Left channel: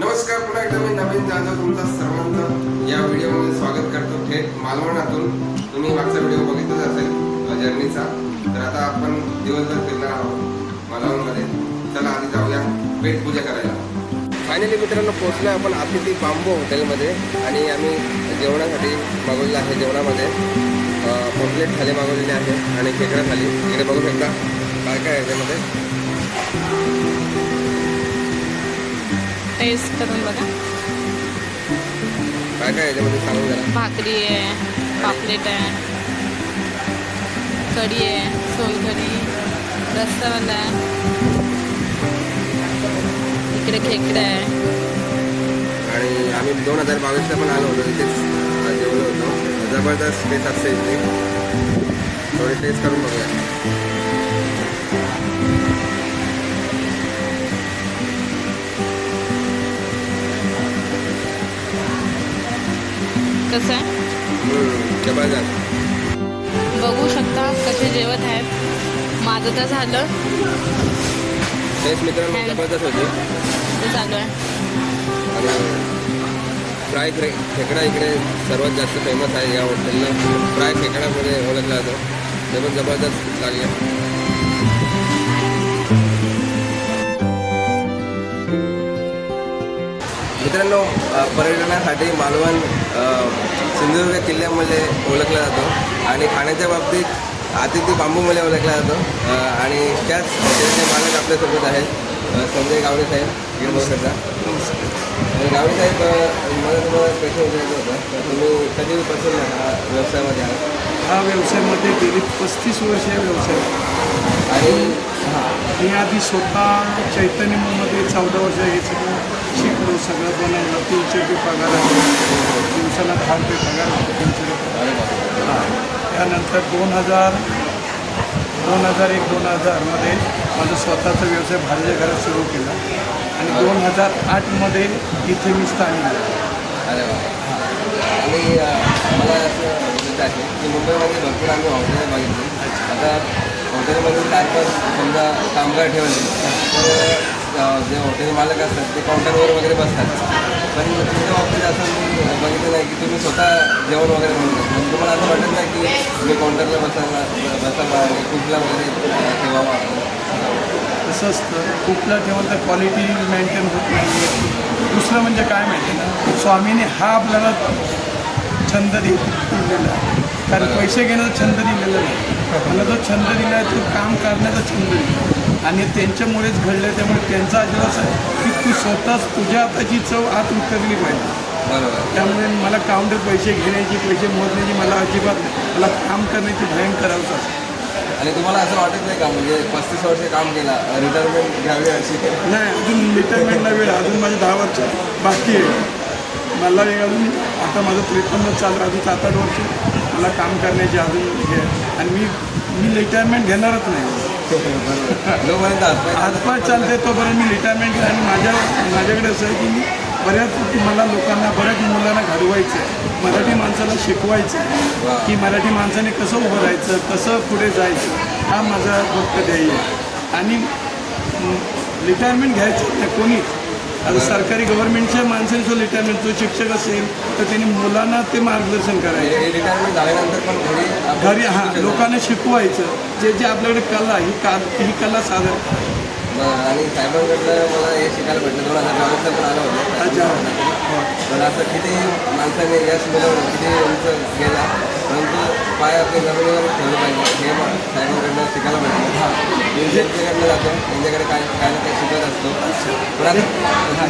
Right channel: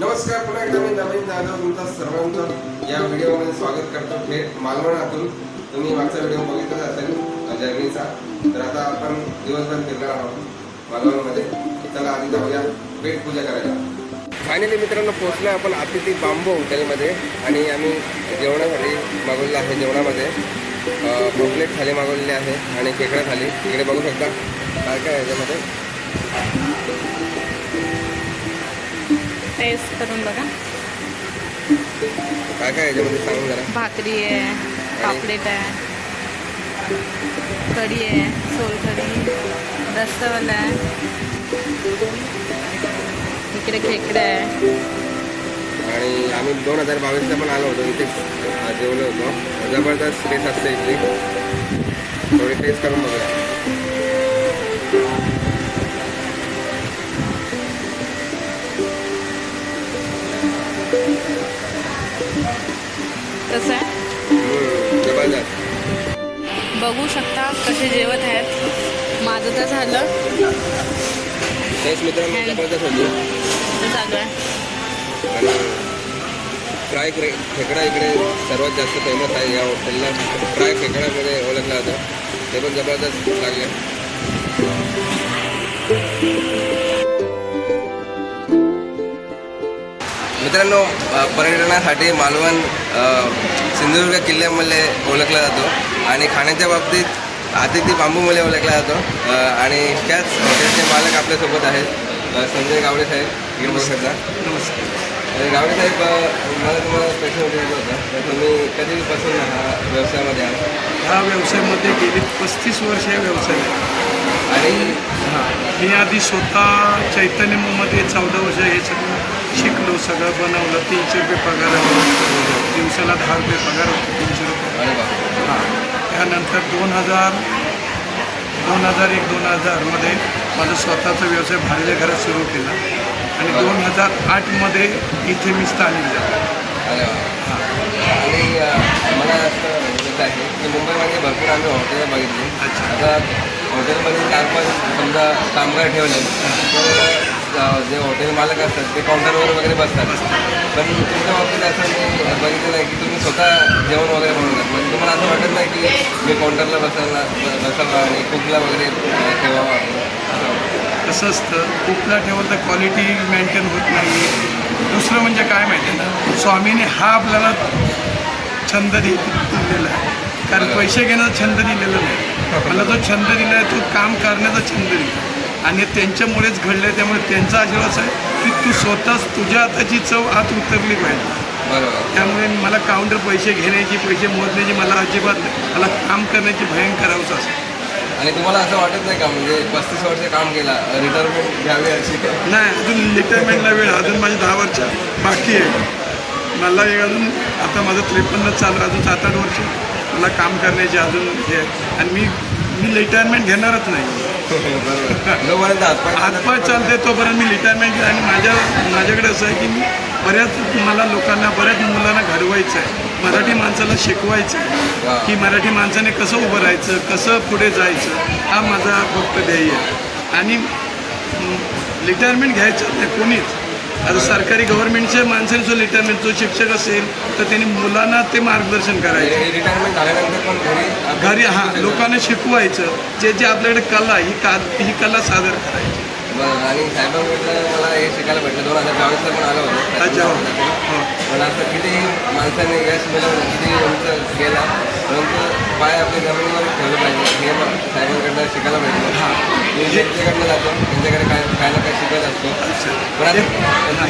नमस्कार, पुन्हा एकदा मी नवीन जाधव तुमचा सर्वांचं या व्हिडिओमध्ये स्वागत करतो. थेट मालवणातून तुम्ही मागचा व्हिडिओ बघितलाच असेल जर्नीचा. तर आता आपण दिवसभर फिरणार आहोत मालवणमध्ये. चला आधी जाऊया पेट पूजा करायला. फायनली मित्रांनो पोहोचलो आपण अतिथी बांबू हॉटेलमध्ये आणि आम्ही जेवणासाठी मागवलेलं आहे. जेवणामध्ये पॉपलेट थाली मागवलेली आहे आणि खेकडा थाली. इकडे बघू शकता काय काय आहे त्यामध्ये. टेस्ट करून बघा काय काय याच्यामध्ये सांगून जरा. भाकरी आहे, पापलेट आहे, कढी आहे, सोलकढी, रस्सावाला आहे, इकडे खेकडा आहे. आणि आम्ही 2022ला पण आलो होतो इथे जेवलो होतो. जबरदस्त टेस्ट असते इथली. थोडी टेस्ट करून बघूया. कसं आहे जबरदस्त. बघू शकता कसे जेवत आहेत. माझं तर झालं, टेस्ट मित्रांनो जबरदस्त होती. तर चालू आहे. आणि फ्राय खेकडा इकडे सर्वात जास्त फेमस आहे या हॉटेलला. फ्राय खेकड्यामध्ये ओळखला जातो. ते पण जबरदस्त लागले. मित्रांनो पर्यटनासाठी मालवण सिंधुदुर्ग किल्ल्यामध्ये ओळखला जातो आणि खाण्याच्या बाबतीत अतिथी बांबूमध्ये ओळखला जातो. आणि त्याच हॉटेलचे मालक आपल्यासोबत आहेत संजय गावडे साहेब. हे बघू शकता. नमस्कार. आणि गावडे साहेब मला तुम्हाला प्रश्न विचारायचा होता. तर तुम्ही कधीपासून हा व्यवसायामध्ये आहात? ह्या व्यवसायामध्ये गेली 35 वर्ष या व्यवसायात. आणि मी आधी स्वतः चैतन्यमध्ये 14 वर्ष हे सगळं शिकलो, सगळं बनवलं. 300 रुपये पगार होतो, दिवसाला 10 रुपये पगार होतो, 300 रुपये. अरे बाबा. हां, त्यानंतर 2001-2000मध्ये माझं स्वतःचा व्यवसाय भाड्याच्या घरात सुरू केला आणि 2008मध्ये इथे मी स्थानिक झालो. अरे वा. आणि मला असं बोलायचं आहे की मुंबईमध्ये भरपूर आम्ही हॉटेल बघितली. अच्छा. आता हॉटेलमध्ये 4-5 समजा कामगार ठेवले तर जे हॉटेल मालक असतात ते काउंटरवर वगैरे बसतात. पण तुमच्या बाबतीत असं मी बघितलं नाही की तुम्ही स्वतः जेवण वगैरे बनवतात. म्हणजे तुम्हाला असं वाटत नाही की मी काउंटरला बसावं आणि कुकला वगैरे ठेवावा. कसं असतं, कुकला ठेवून तर क्वालिटी मेंटेन होत नाही. दुसरं म्हणजे काय माहिती आहे ना, स्वामीने हा आपल्याला छंद दिलेला आहे. कारण पैसे घेण्याचा छंद दिलेला नाही. मला जो छंद दिला आहे तो काम करण्याचा छंद दिला आणि त्यांच्यामुळेच घडलं आहे. त्यामुळे त्यांचा आशीर्वाद आहे की तू स्वतःच तुझ्या हाताची चव आत उतरली पाहिजे. बरोबर. त्यामुळे मला काउंटर पैसे घेण्याची, पैसे मोजण्याची मला अजिबात नाही. मला काम करण्याची भयंकर हौस असते. आणि तुम्हाला असं वाटत नाही का म्हणजे 35 वर्ष काम केला, रिटायरमेंट घ्यावी अशी? नाही, अजून रिटायरमेंटला वेळ. अजून माझे 10 वर्ष बाकी आहे. मला एक अजून आता माझं 53 चालू. अजून 7-8 वर्ष मला काम करण्याचे अजून हे आहे. आणि मी रिटायरमेंट घेणारच नाही. बरोबर. जोपर्यंत हातपाय चालते तोपर्यंत मी रिटायरमेंट घेईन. आणि माझ्याकडे असं आहे की मी मला लोकांना, बऱ्याच मुलांना घडवायचं आहे. मराठी माणसाला शिकवायचं आहे की मराठी माणसाने कसं उभं राहायचं, कसं पुढे जायचं. हा माझा फक्त ध्येय आहे. आणि रिटायरमेंट घ्यायचं नाही कोणीच. आता सरकारी गव्हर्नमेंटच्या माणसाने जो रिटायरमेंट, जो शिक्षक असेल तर त्यांनी मुलांना ते मार्गदर्शन करायचं. रिटायरमेंट झाल्यानंतर पण घरी लोकांना शिकवायचं. जे आपल्याकडे कला, ही कला सादर करायची. बरं. आणि साहेबांकडनं मला हे शिकायला भेटलं. 2022ला पण आलं होतं. अच्छा. पण असं कितीही माणसाने यश मिळवलं, कितीही उंच गेला, परंतु पाय आपल्या जमिनीवर ठेवलं पाहिजे हे साहेबांकडनं शिकायला भेटलं. मी त्यांच्याकडनं जातो, त्यांच्याकडे काय ना काय शिकत असतो. पण आता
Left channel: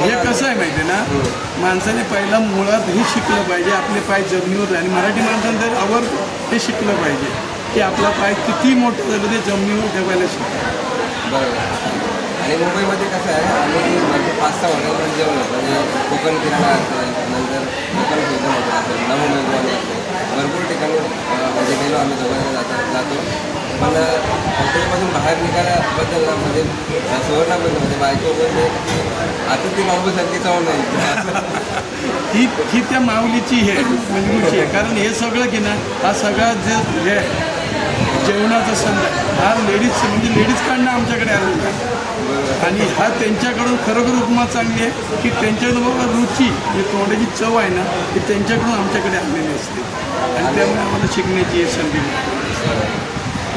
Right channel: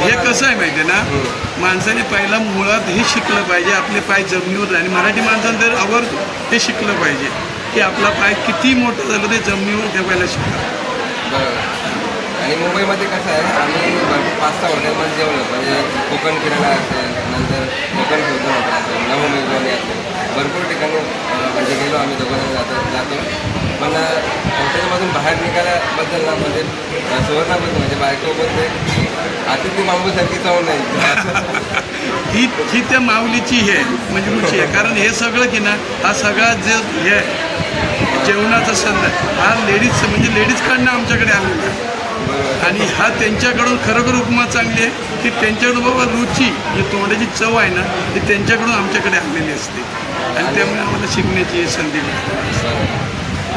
हे कसं आहे माहिती आहे ना, माणसाने पहिला मुळात हे शिकलं पाहिजे आपले पाय जमिनीवर. आणि मराठी माणसाने तर आवर्जून हे शिकलं पाहिजे की आपला पाय किती मोठं झालं ते जमिनीवर ठेवायला शिकलं. बरोबर. आणि मुंबईमध्ये कसं आहे, आम्ही भरपूर 5-6 हॉटेलमध्ये जेवलो. म्हणजे कोकण किराणा असेल, नंतर कोकण फ्युजन हॉटेल असेल, नवमेजवानी असेल, भरपूर ठिकाणी म्हणजे गेलो आम्ही. दोघांना जातो. पण हॉटेलमधून बाहेर निघाल्याबद्दल ना म्हणजे सुवर्णाबद्दल म्हणजे बायको बोलते की अतिथी बांबूसारखी चव नाही. ही त्या माऊलीची हे म्हणजे रुची आहे. कारण हे सगळं की ना, हा सगळा जे हे जेवणाचा संद हा लेडीज म्हणजे लेडीज काढणं आमच्याकडे आलेला आहे. बरोबर. आणि हा त्यांच्याकडून खरोखर उपमा चांगली आहे की त्यांच्याकडून बाबा रुची म्हणजे तोंडाची चव आहे ना ती त्यांच्याकडून आमच्याकडे आलेली असते आणि त्यामुळे आम्हाला शिकण्याची ही संधी मिळते.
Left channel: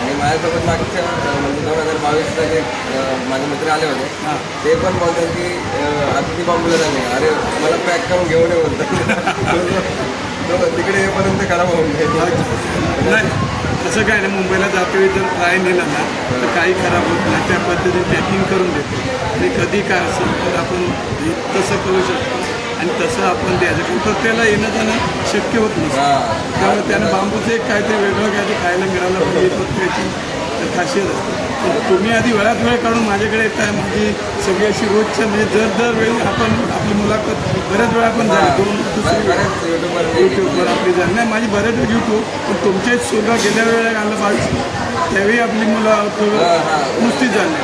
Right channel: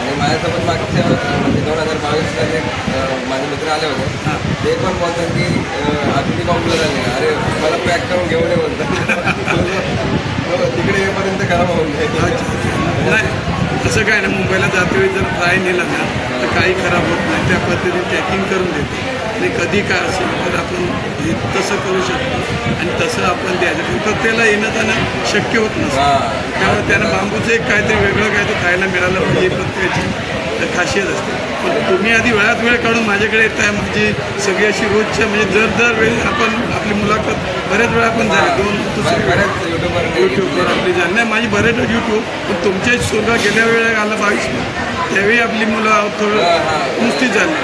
आणि माझ्यासोबत मागच्या म्हणजे 2022ला जे माझे मित्र आले होते हां ते पण बोलतात की आज किती कॉम्प्युटर झाले, अरे मला पॅक करून घेऊन ये बोलतात. तिकडे येईपर्यंत खराब होऊन जाईल. नाही असं काय ना मुंबईला जातोवेळी जर फ्राय नेला ना तर काही खराब होत नाही त्या पद्धतीने पॅकिंग करून देतो आणि कधी काय असेल तर आपण हे तसं करू शकतो आणि तसं आपण द्यायचं कारण प्रत्येकाला येणं जाणं शक्य होत नसतं त्यामुळे त्यानं बांबूचं एक काहीतरी वेगळं काहीतरी खायला मिळालं पाहिजे ही प्रत्येकाची खासियत असते. पण तुम्ही आधी वेळात वेळ काढून माझ्याकडे येत आहे माझी सगळी अशी रोजच्या म्हणजे दर वेळी आपण आपली मुलाखत बऱ्याच वेळा आपण झाली 2 दुसरी यूट्यूबवर आपली झाली नाही माझी बऱ्याच वेळ यूट्यूब पण तुमच्या सुरुवात गेल्या वेळेला आलं 22 त्यावेळी आपली मुलं थोडं नुसतीच झाली.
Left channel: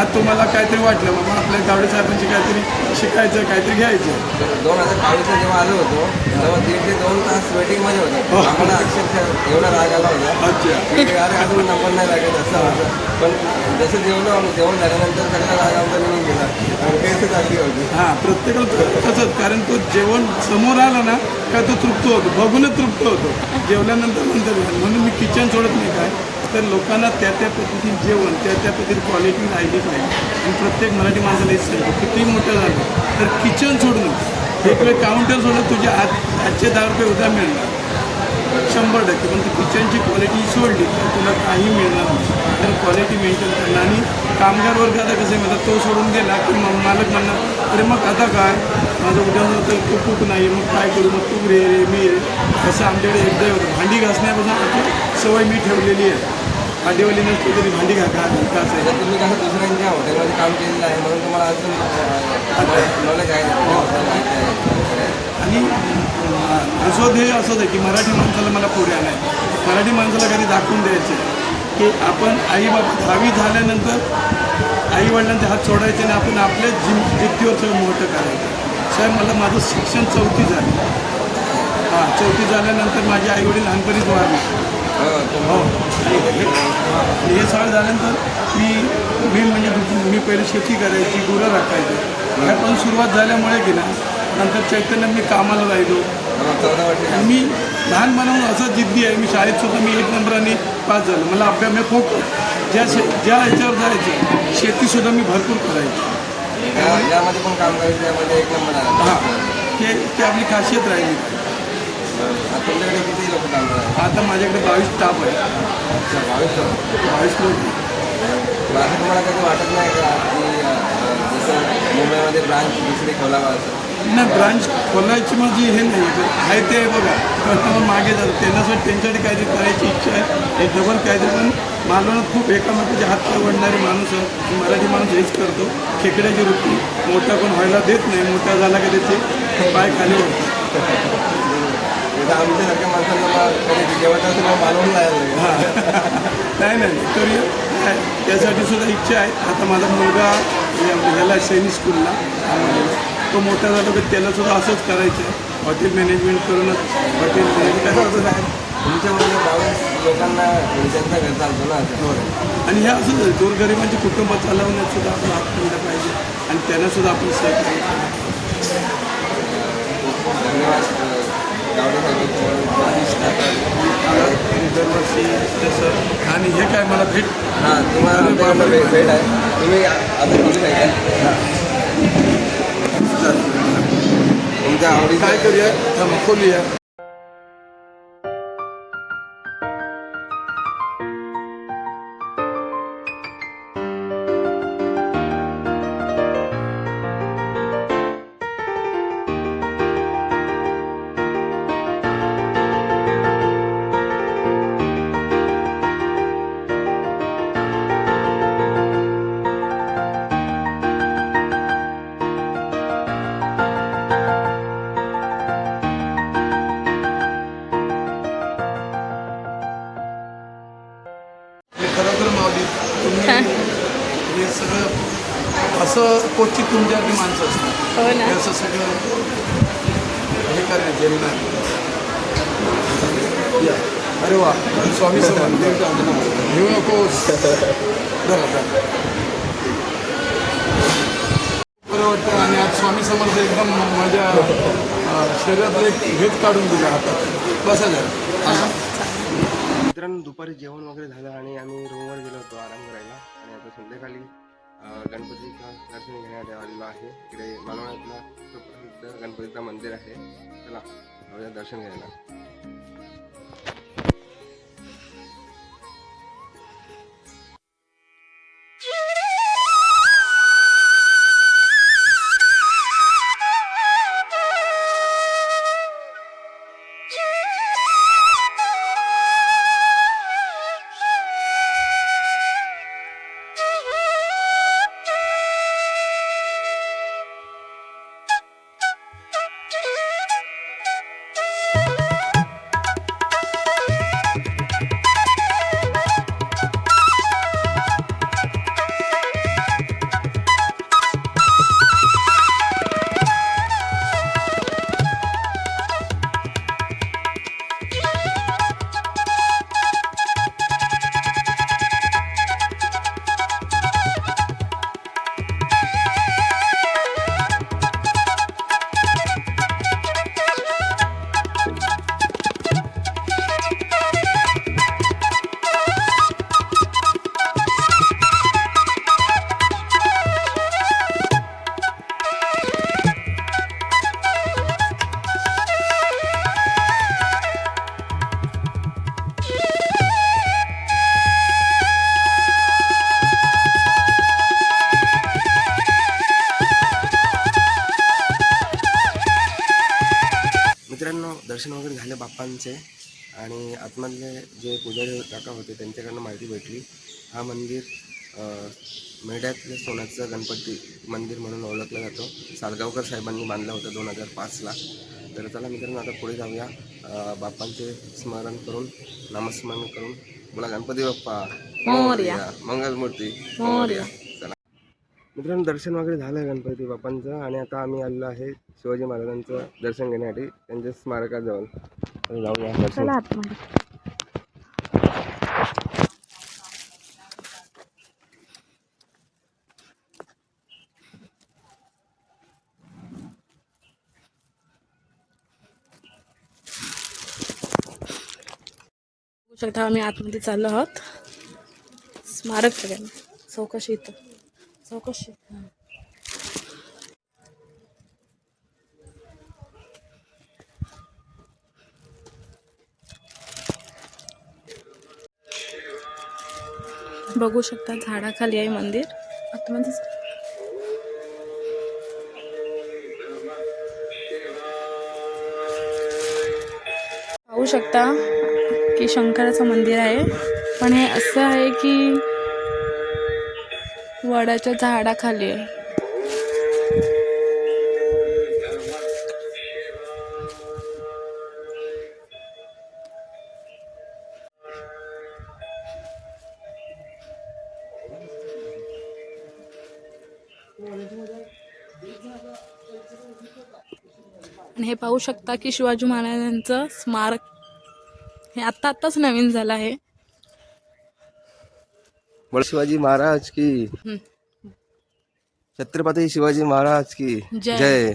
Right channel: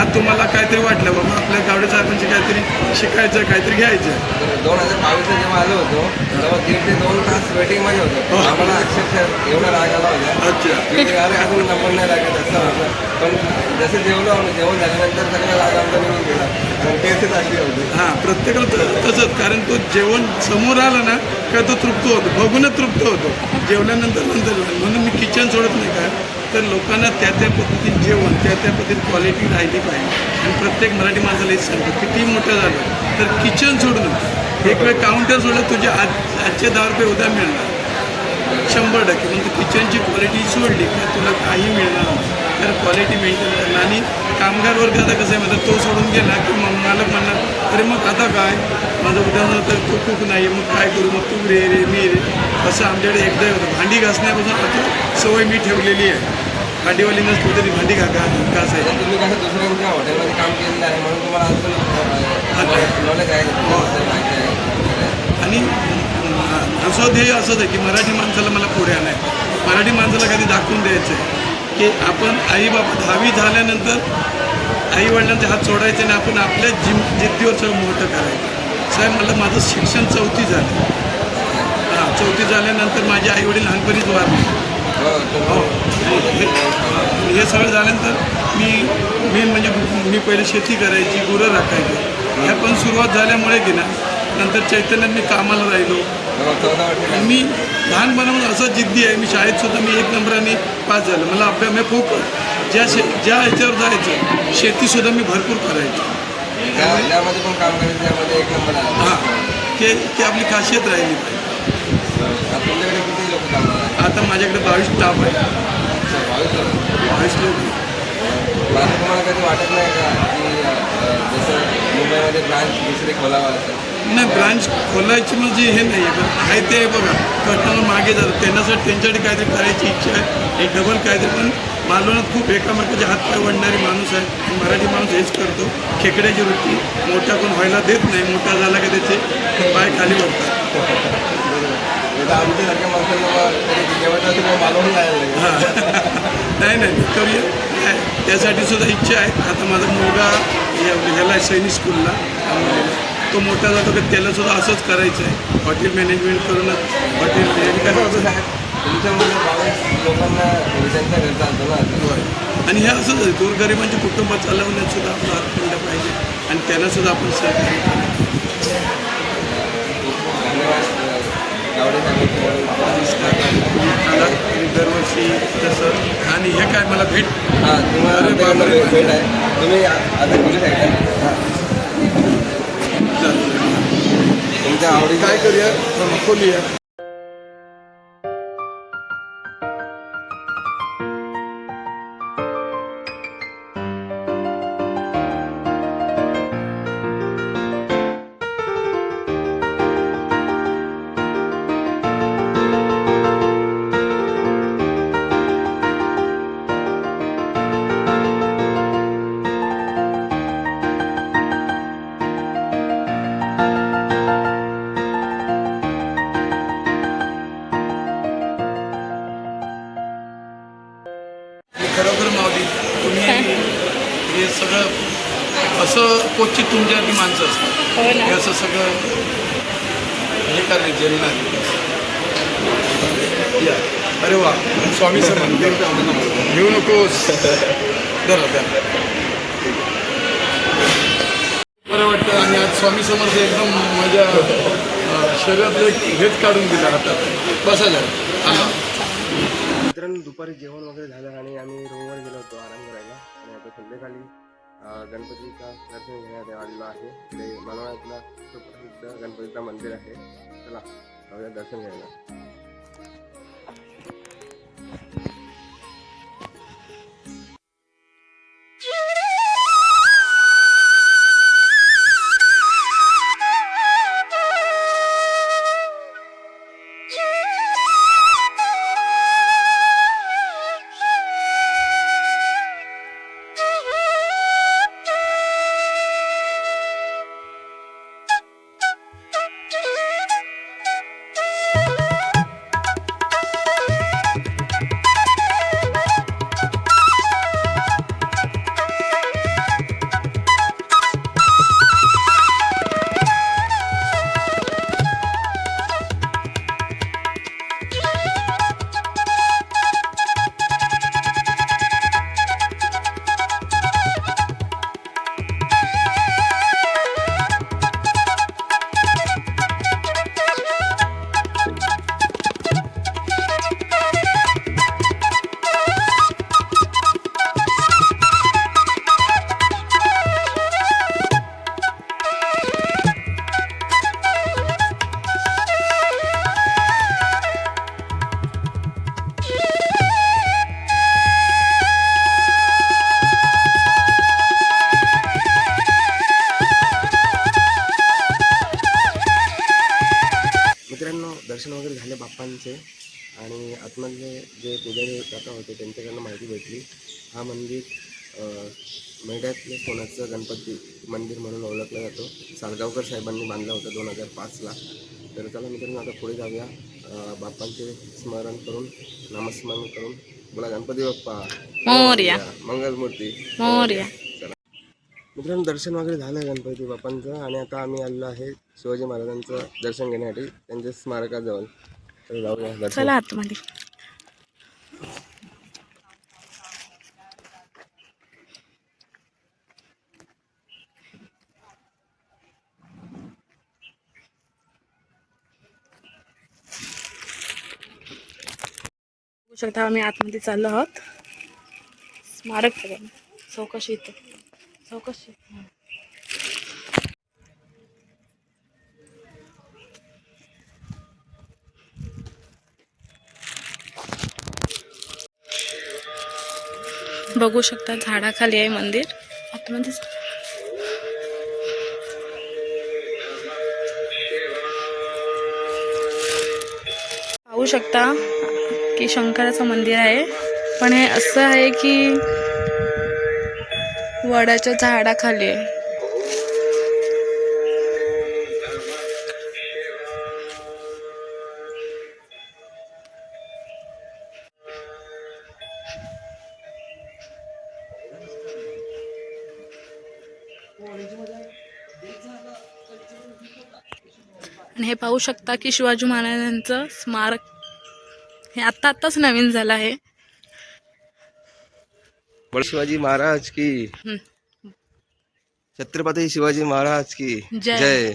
आज तुम्हाला काहीतरी वाटलं बाबा आपल्या गावडे साहेबांची काहीतरी शिकायचं काहीतरी घ्यायचं. 2022ला जेव्हा आलो होतो तेव्हा 1.5 ते 2 तास वेटिंगमध्ये होतो. आम्हाला अक्षरशः एवढा राग आला होता अच्छा की अरे अजून नंबर नाही लागत असं होतं. पण जसं जेवण झाल्यानंतर सगळा राग आमचा निघून गेला आणि टेस्टच अशी होती. हां प्रत्येकाला तसंच कारण तो जेवण समोर आला ना का तो तृप्त होतो बघूनच तृप्त होतो जेवल्यानंतर म्हणून मी किचन सोडत नाही काय तर लोकांना त्या पद्धतीने जेवण त्या पद्धतीने क्वालिटी राहिली पाहिजे आणि प्रत्येक मराठी माणसाला हेच सांगतो किती मोठं झालं तर किचन सोडून एक वेळ काउंटर सोडलं तुझे आजचे 10 रुपये उद्या मिळणार 100% पण तू किचनची क्वालिटी सोडली तर तुला काही मिळणार नाही. तर क्वालिटी मेंटेन करणं आणि कामगार वर्ग आता कसं आहे म्हणतात तो सोडून गेला की मग मालक म्हणणार अरे मग आता काय माझं उदाहरण तर तो कुक नाही मग काय करू मग तू रे मी रे असं आमच्याकडे एकदा होतं. भांडी घासण्यापासून आता सवय मी ठेवलेली आहे. भांडीवाली नसली तरी भांडी घासायची. तुम्ही कसं दुसऱ्यांच्या हॉटेलमध्ये काम केलेलं आहे म्हणून तुम्हाला अजून नॉलेज आहे माहिती आहे. आणि असं ध्येय असंच आहे की मराठी माणसाला मला पुढे आणायचं मराठी माणसाला कधी दाखवून द्यायचं आहे की आपण आई बाबा 10वी झाल्यानंतर आईवडिलांचे हात सोडायचे आणि आपण आपल्या जिद्दीवर सगळं मोठं करायचं. साहेब मला माझं शिक्षण 4थी झालं. हां 4थी झाल्यानंतर माझे आईवडील लहानपणीच वारले. हो आणि हे सगळं झाल्यानंतर मी मेन म्हणजे मी पहिले शेती करायची गुरं राखायची ह्या पण सुरुवात झाल्यामुळे की ना नंतर चैतन्यात मी कामाला राहिलो 14 वर्ष आणि मी लहानपणापासून असं जिद्दी आहे मी शाळेतसुद्धा मी 1 नंबराने पास झालं मला अभ्यास मी फोकस ज्या ह्याच्यावर जायचं शेतीसुद्धा मी भरपूर करायची. यामध्ये पण काम करायचं त्यामध्ये 1 नंबर आला. हां ते आपली खासियत राहिली पाहिजे. तुमच्याकडे किती लोक काम करतात? आता माझ्याकडे 22 स्टाफ आहे. 22 लोक. असं तुम्हाला कधी वाटत नाही का की जसं मुंबईमध्ये ब्रांच दुसरी खोलावा असं? नाही ब्रांच खोलायची माझी हे नाही आहे पण आहे ते बघा कस्टमर मागे जातात त्यांच्यासाठी काहीतरी करायची इच्छा आहे एक डबल काहीतरी पण मालवणात खूप एकामेकाचे हात पाय वडणारी माणूस आहे मराठी माणूस हेच करतो खेकड्याची वृत्ती मोठा पण व्हायला देत नाही मोठा झाला की त्याचे पाय खाली वाटतात. आमच्यासारख्या माणसांना जेवण असेल मग मालवण जायला लागेल. हां नाही करूया त्यासाठी सुद्धा इच्छा आहे. आता माझा मुलगा ह्याला आहे सैनिक स्कूलला आम्हाला तो मोठा झाला तर त्यालासुद्धा असंच करायचं आहे हॉटेल मॅनेजमेंट करूनच हॉटेल कसं होतं साहेब तुमच्यामुळे 22 लोकांना त्यांचा घर चालतो ना. आणि हे असंच आहे गोरगरिबांचे कुटुंब चालवण्यात सुद्धा आपला हात खंड पाहिजे आणि त्यांनासुद्धा आपण सहकार्य केलं. धन्यवाद गावडे साहेबांची आला दरवर्षी तसं आणि हे काय मला भेट हां तुम्हाला भेट आहे तुम्ही आता किती काय तुमच्या आवडी काय करूया मग खोलूया. खरोखर माऊली तुम्ही हे सगळं असं क्वचित तुमच्यासारखी माणसं असतात हो ना हे असं सगळं हे करायला जेलणार या अरे वा स्वामी समर्थ घेऊ नकोस धरा इथं आणि आज स्वामी समर्थ एकदम माझ्या शरीरातले हेच काढून दिलं हातात बसा झालं. मित्रांनो दुपारी जेवण वगैरे झालं आणि आम्ही रूमवर गेलो होतो आराम करायला आणि आता संध्याकाळी गणपतीचा दर्शन घेण्यात आलेलं आहे. इकडे मालवणातला सुप्रसिद्ध गणपतीचं मंदिर आहे. चला जाऊया दर्शन घ्यायला. मित्रांनो दर्शन वगैरे झाले बाप्पांचे आणि आतमधले जे पुजारी काका होते त्यांच्याकडनं माहिती भेटली. हा मंदिर मेढ्यातल्या सोन्याचं गणपती मंदिर म्हणून ओळखला जातो. सालगावकर साहेबांनी बांधलं होतं 2005ला. तर चला मित्रांनो आता पुढे जाऊया. बाप्पांचे स्मरण करून नामस्मरण करून बोला गणपती बाप्पा मोरया. मंगलमूर्ती मोरया. चला मित्रांनो दर्शन वगैरे झालं गणपती बाप्पांचं आणि आता आम्ही आलेलो आहे शिवाजी महाराजांचं दर्शन घेण्यासाठी त्यांच्या स्मारकाजवळ. तर जाऊया दर्शन. चला आतमध्ये. बघू शकता आम्ही आतमध्ये चाललो आहोत. स्मारक सगळ्यांना चौकशी इथं चौकशी. बघू शकता झाडाखाली आहे मंदिर आतमध्ये. पाहू शकता की शंकराचं मंदिर आहे पण हे असं आहे की वडाच्या झाडाखाली आहे. आणि हे पाहू शकता की शिवाजी महाराजांचं स्मारक हे आत्ताच नवीन झालं आहे. शिवाजी महाराज की छत्रपती शिवाजी महाराज की जय.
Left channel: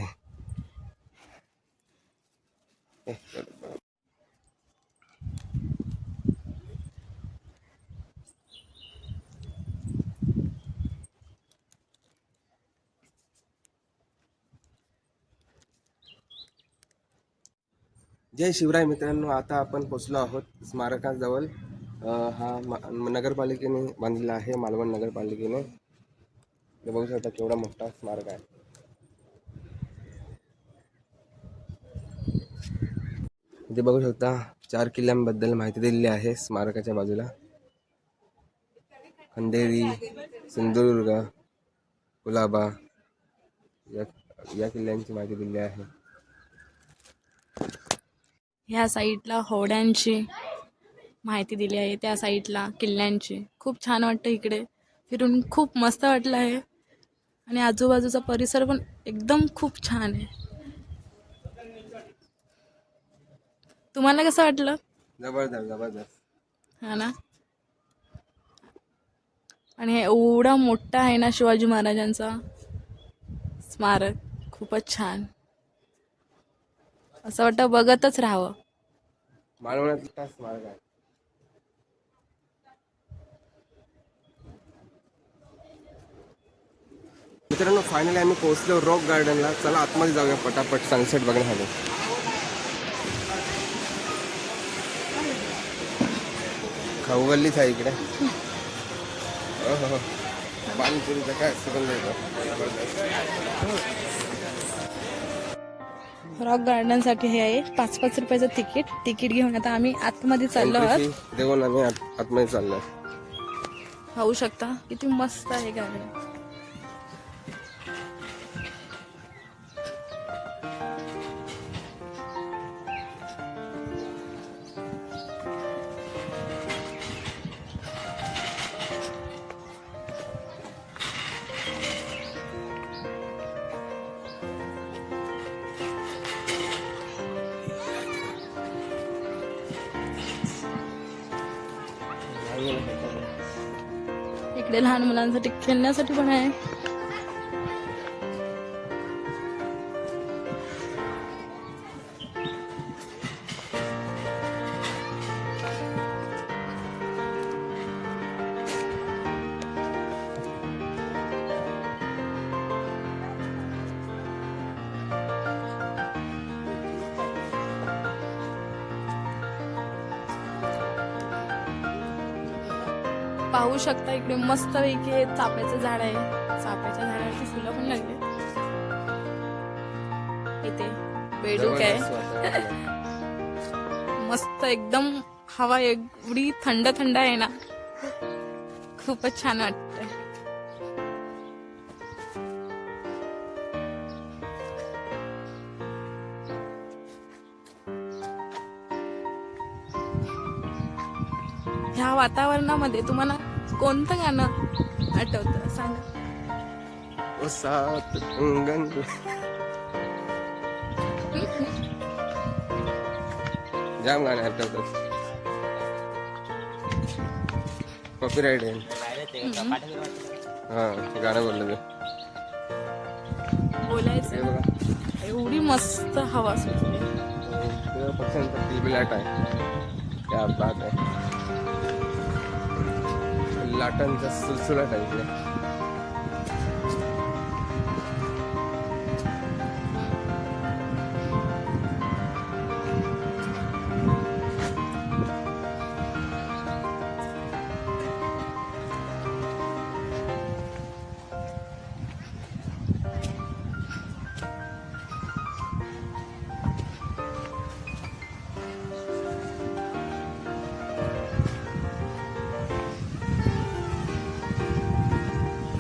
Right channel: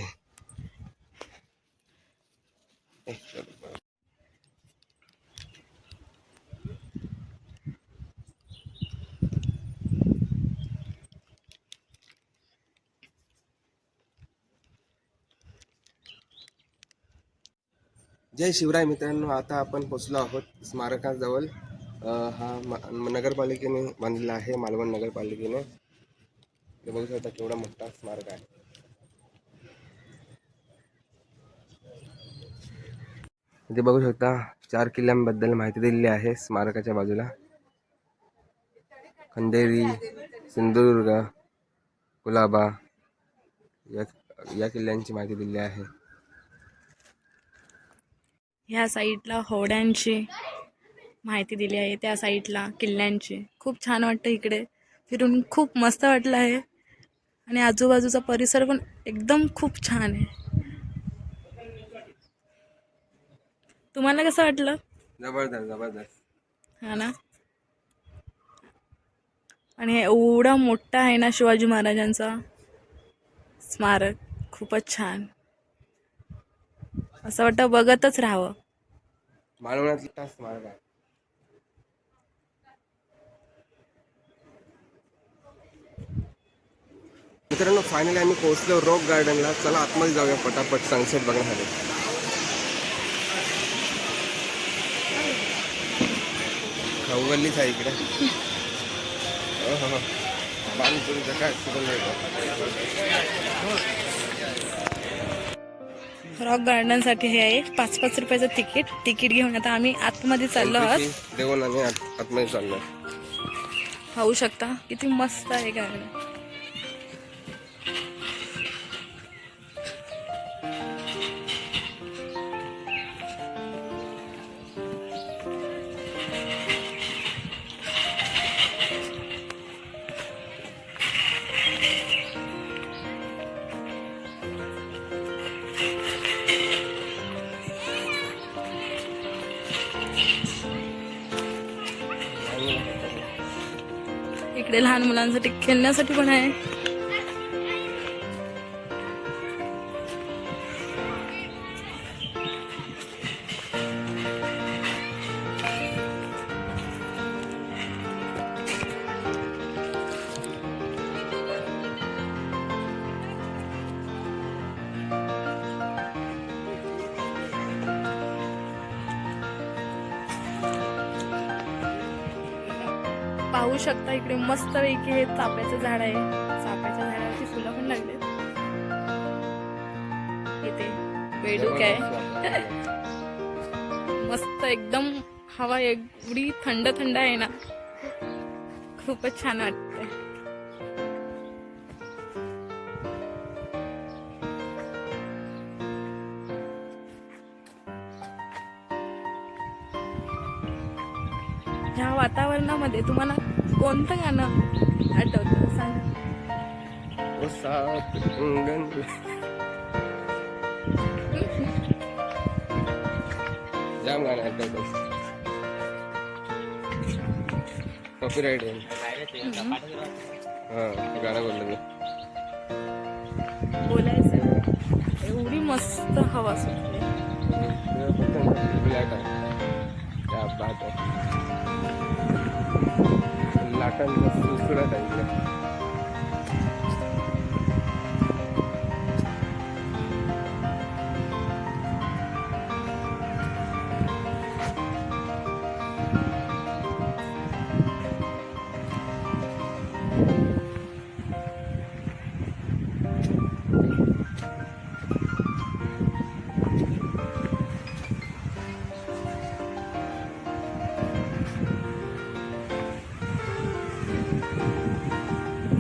जय शिवराय. मित्रांनो आता आपण पोचलो आहोत स्मारकाजवळ. हा नगरपालिकेने बांधलेला आहे, मालवण नगरपालिकेने. हे बघू शकता केवढा मोठा स्मारक आहे. इथे बघू शकता 4 किल्ल्यांबद्दल माहिती दिलेली आहे स्मारकाच्या बाजूला. खंडेरी, सिंधुदुर्ग, कुलाबा या किल्ल्यांची माहिती दिली आहे. ह्या साईडला होड्यांची माहिती दिली आहे, त्या साईडला किल्ल्यांची. खूप छान वाटतं इकडे फिरून, खूप मस्त वाटलं आहे. आणि आजूबाजूचा परिसर पण एकदम खूप छान आहे. तुम्हाला कसं वाटलं? जबरदस्त जबरदस्त. हा ना. आणि हे एवढा मोठा आहे ना शिवाजी महाराजांचा स्मारक खूपच छान, असं वाटतं बघतच राहावं. मालवणातला स्मारक आहे. मित्रांनो फायनली आम्ही पोहोचलो रॉक गार्डनला. चला आतमध्ये जाऊया पटापट सनसेट बघण्यासाठी. खाऊगल्लीच आहे इकडे. पाणीपुरी कसा सुगंध येतो. रॉक गार्डनसाठी हे आहे 5-5 रुपयाचं तिकीट घेऊन आता आम्ही आतमध्ये चाललो आहोत. देऊन आम्ही आतमध्ये चाललो. पाहू शकता किती मस्त आहे गार्डन. इकडे लहान मुलांसाठी खेळण्यासाठी पण आहे. पाहू शकता इकडे मस्त पैकी हे चाफ्याचं झाड आहे. चाफ्याच्या झाडावरती फुलं पण लागले. इथे बेडूक आहे. मस्त एकदम हवा एवढी थंड थंड आहे ना, खूपच छान वाटतंय. ह्या वातावरणामध्ये तुम्हाला कोणतं गाणं आठवतं सांगा. ओ सात अंगण. जाम गाणं आठवतं. कॉपीराइट आहे. हा गाणं बोललो मी. बोलायचं ना. एवढी मस्त हवा सुटली. बिलबिलाट आहे. क्या बात आहे. लाटांचा सुलसुलाट आहे इकडे.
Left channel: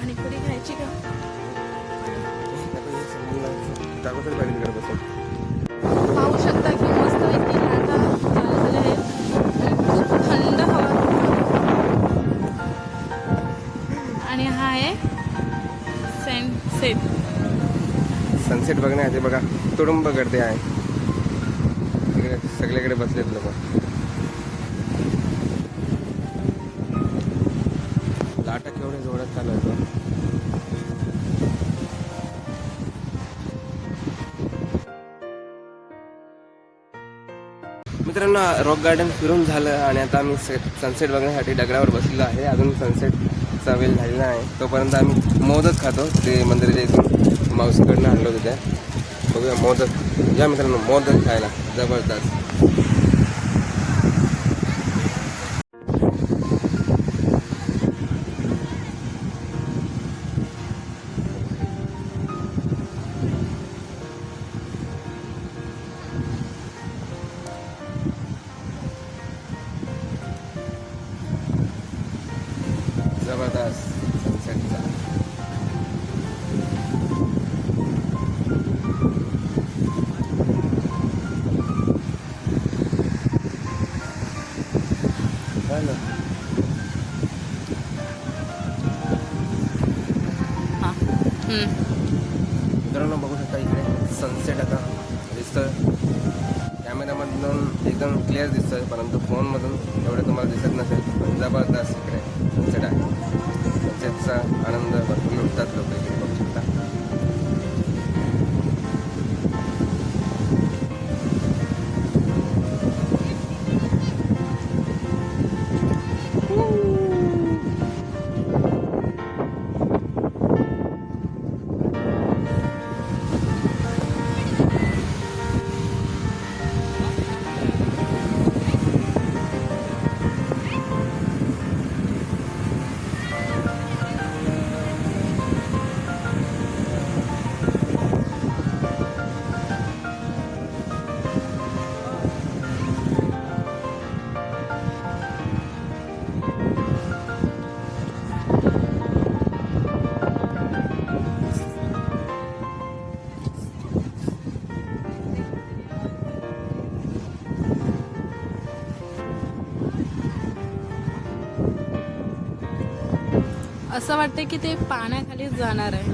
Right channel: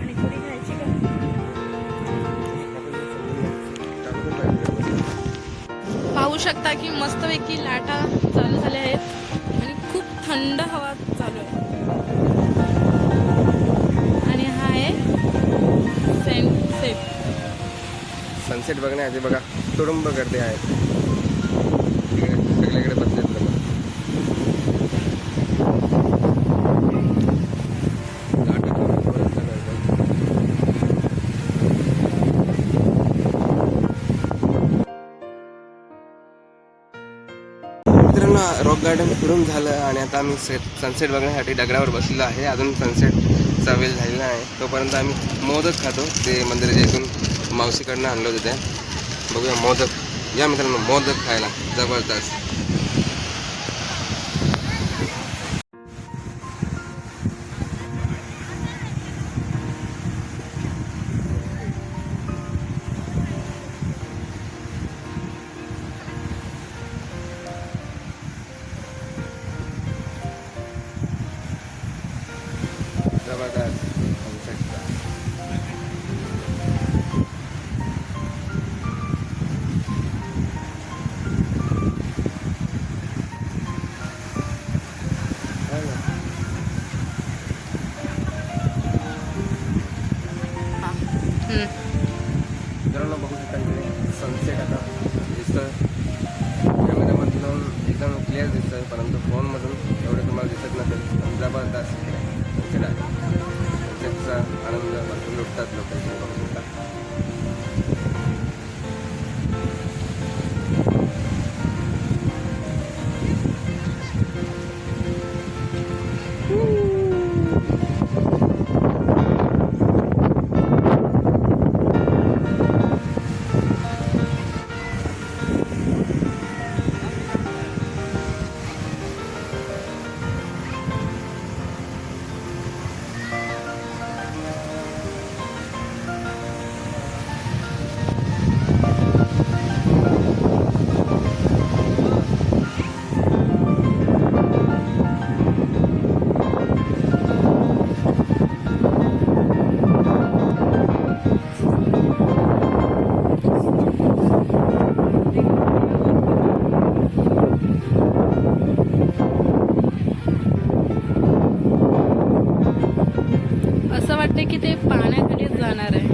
आणि पुरी खायची का? पाहू शकता की मस्तपैकी लाटा चालू झाल्या आहेत आणि खूप थंड हवा चालू आहे. आणि हा आहे सनसेट बघण्यासाठी बघा तुडुंब गर्दी आहे. तिकडे सगळीकडे बसलेत लोक. मित्रांनो रॉक गार्डन फिरून झालं आणि आता आम्ही सनसेट बघण्यासाठी डगरावर बसलेलो आहे. अजून सनसेटचा वेळ झालेला आहे. तोपर्यंत आम्ही मोदक खातो. ते मंदिराच्या इथून मावशीकडनं आणलं होतं त्या. बघूया मोदक. या मित्रांनो मोदक खायला जबरदस्त. मित्रांनो बघू शकता इकडे सनसेट आता दिसतं. कॅमेरामधून एकदम क्लिअर दिसतंय, परंतु फोनमधून एवढं तुम्हाला दिसत नसेल. जबरदस्त इकडे सनसेट आहे. सनसेटचा आनंद भरपूर लुटतात लोक इकडे बघू शकता. असं वाटतं की ते पाण्याखालीच जाणार आहे.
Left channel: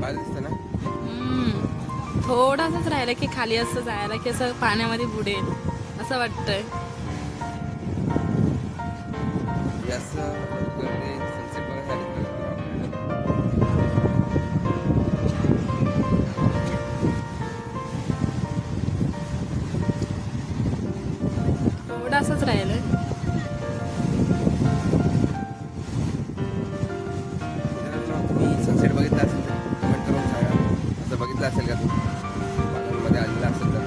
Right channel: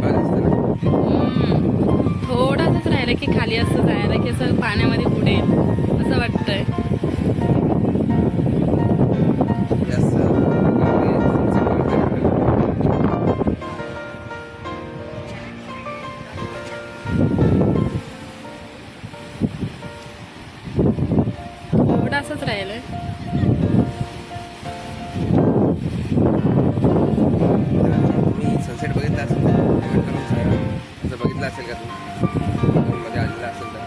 बरं असतं ना. थोडासाच राहिलं की खाली असं जायला की असं पाण्यामध्ये बुडेल असं वाटतंय. जास्त प्रकारे sunset बघायला मिळेल. थोडासाच राहिलंय. तुम्ही सनसेट बघितला असेल तर कमेंट करून सांगा. असं बघितलं असेल का तुम्ही मध्ये आलेला असेल तर.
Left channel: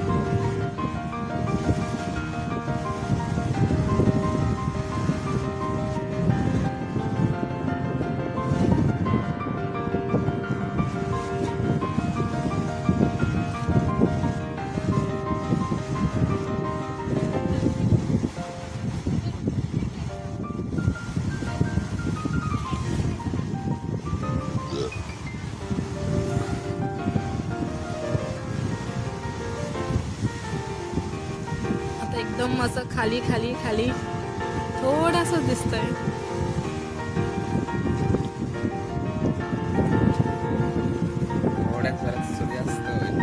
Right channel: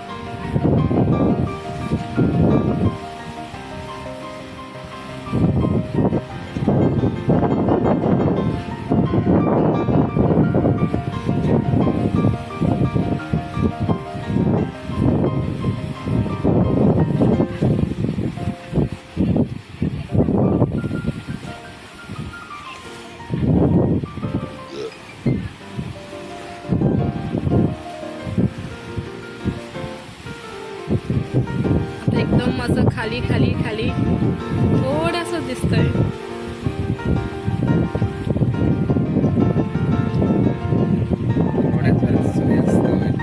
आता एकदम असं खाली खाली खाली थोडंसं दिसतंय. थोड्याच वेळात सूर्यास्त होईल.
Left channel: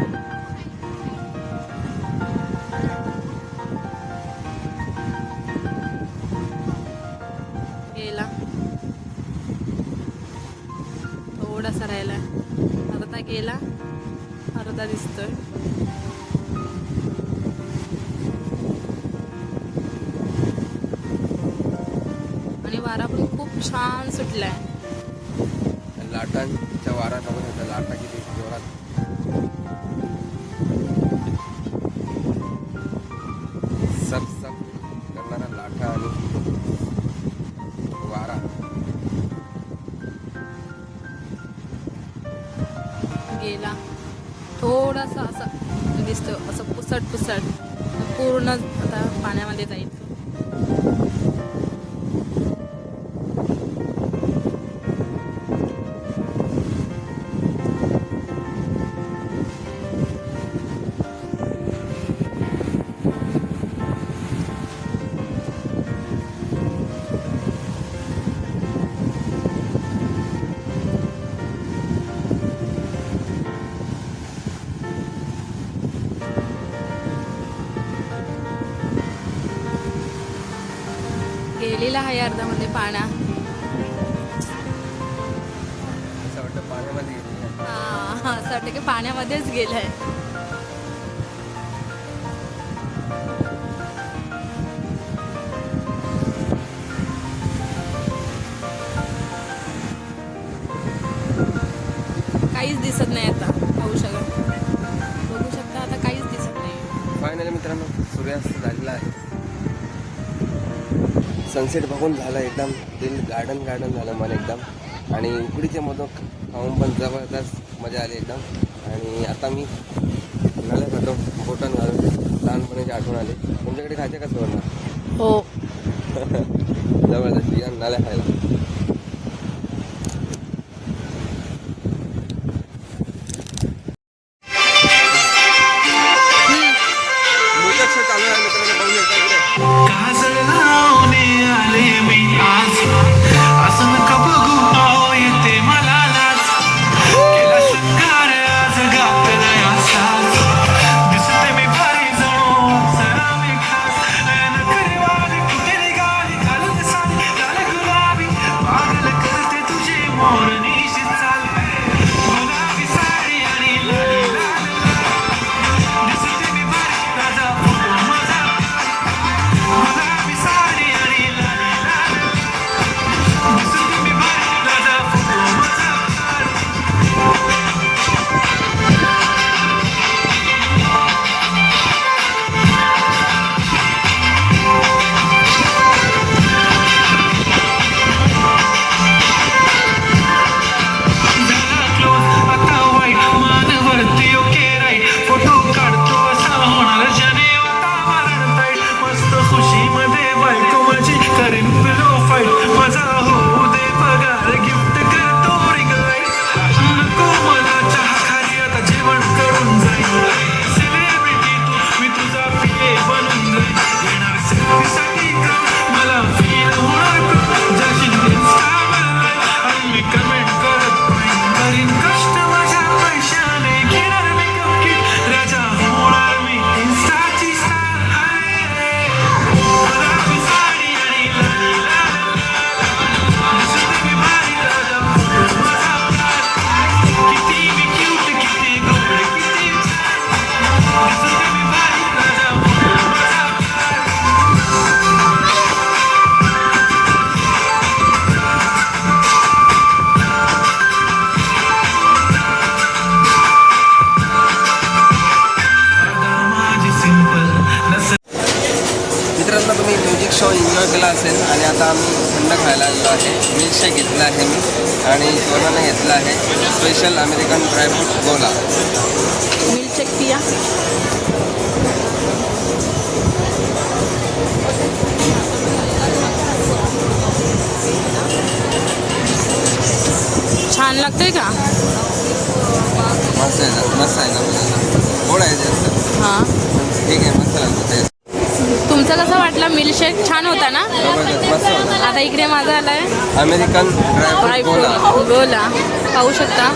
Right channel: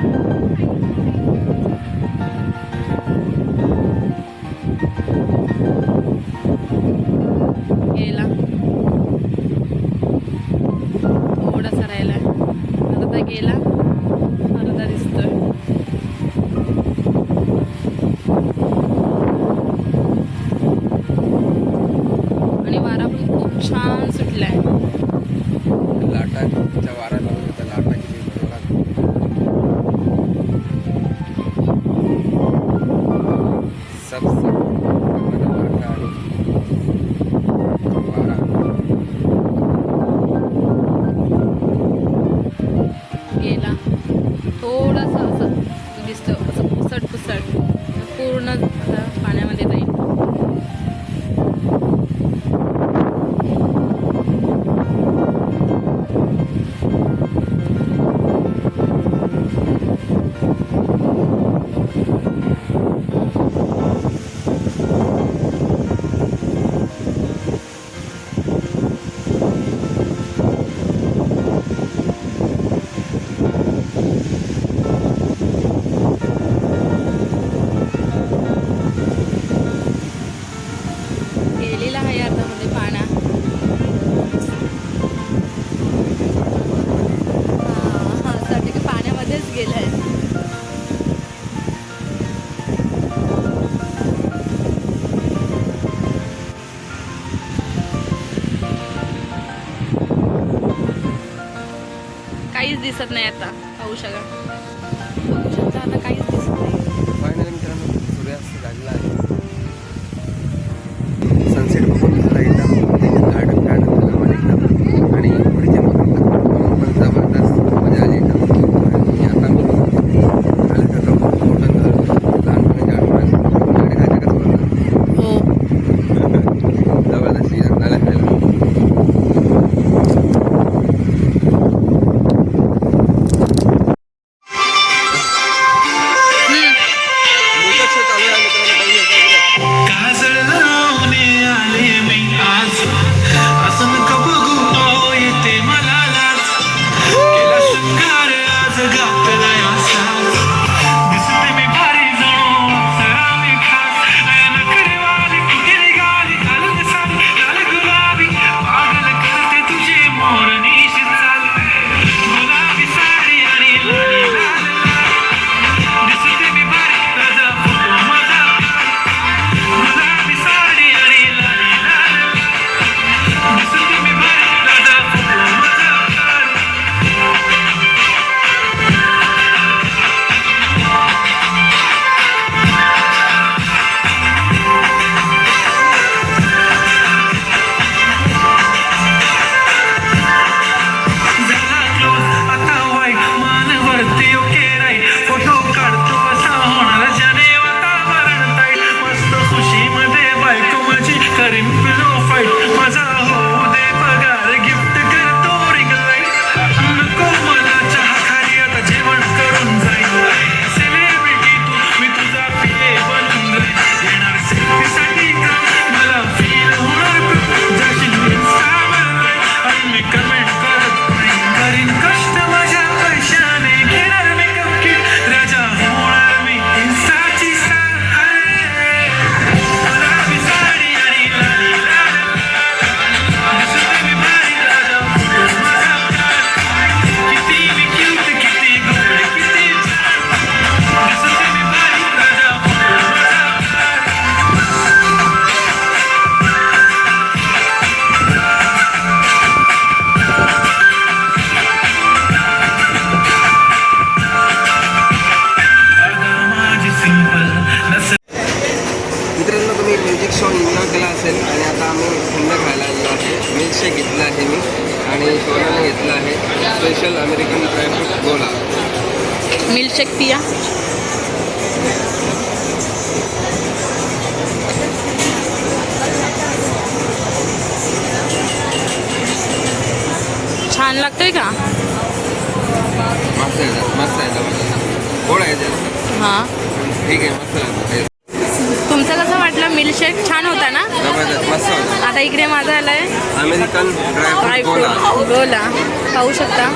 गेला. थोडासा राहिलाय. अर्धा गेला, अर्धा दिसतोय. आणि वारा पण खूप छान सुटलाय. लाटाच्या वाऱ्याला त्या लाटा किती जोरात. सरसट प्रकारे लाटा आणि वारा. गेला. थोडासा असं दिसतं असं पुसट पुसट पूर्ण आता पाण्यामध्ये जाईल. गेलेला आहे अर्धामध्ये पाण्या. हा असं वाटतं की पाण्यामध्येच गेलाय. काहीच दिसत नाही आता. बघू शकता आता काहीच दिसत नाही. फायनली मित्रांनो सूर्यास्त झालेला आहे. सनसेट बघून झालं एकदम गार्डन झालं मला एकदम. आणि उकडीचे मोदक खाऊन पण जबरदस्त मजा आली एकदम. आणि आता मी खायला खातो मोठं झालं लहानपणीच्या आठवण खायचं कसं बोलणार. हो. जबरदस्त या नाल्या खायला. झालेला असेल आणि आता आम्ही थंड खायला आलेलो आहे. मिल्कशेक घेतला आहे मी आणि सोनाने घेतला आहे स्पेशल अमेरिकन ड्रायफ्रूट गोला. मिल्कशेक पिया. छान लागतंय का? मस्त आहे ना मला गोड आहे जास्त. हां, ठीक आहे, मस्त लागतं टेस्ट. तुमचं कसं वाटलं? मिल्कशेक छान होता ना? जबरदस्त मस्त होतं. आता इकडे माझा आलाय अमेरिकन ड्रायफ्रूट गोला. ड्रायफ्रूट गोला. पाहू शकता,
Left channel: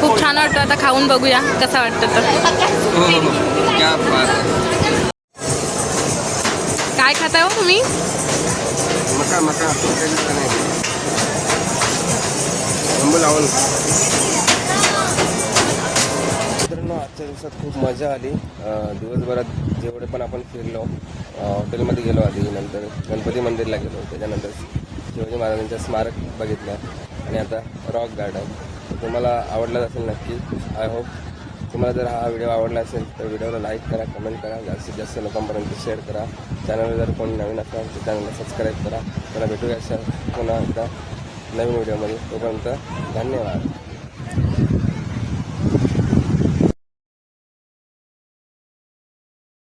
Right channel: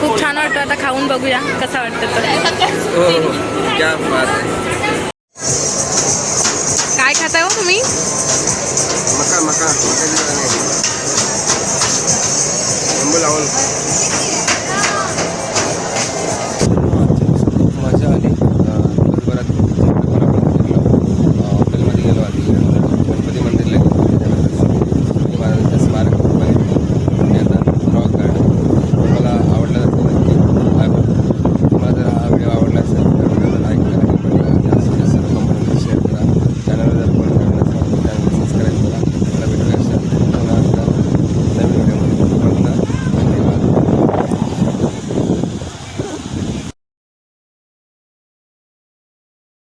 खूप छान वाटतं. आता खाऊन बघूया कसा वाटतं तर. हो हो, क्या बात आहे. काय खाताय हो तुम्ही? मकाची नाही लिंबू लावून. आजच्या दिवसात खूप मजा आली. दिवसभरात जेवढे पण आपण फिरलो, हॉटेलमध्ये गेलो आधी, नंतर गणपती मंदिरला गेलो, त्याच्यानंतर शिवाजी महाराजांच्या स्मारक बघितलं आणि आता रॉक गार्डन. तुम्हाला आवडला असेल नक्की. आय होप तुम्हाला जर हा व्हिडिओ आवडला असेल तर व्हिडिओला लाईक करा, कमेंट करा, जास्तीत जास्त लोकांपर्यंत शेअर करा. चॅनलवर जर कोणी नवीन असाल तर चॅनलला सबस्क्राईब करा. मला भेटूया पुन्हा एकदा नवीन व्हिडिओमध्ये. तोपर्यंत धन्यवाद.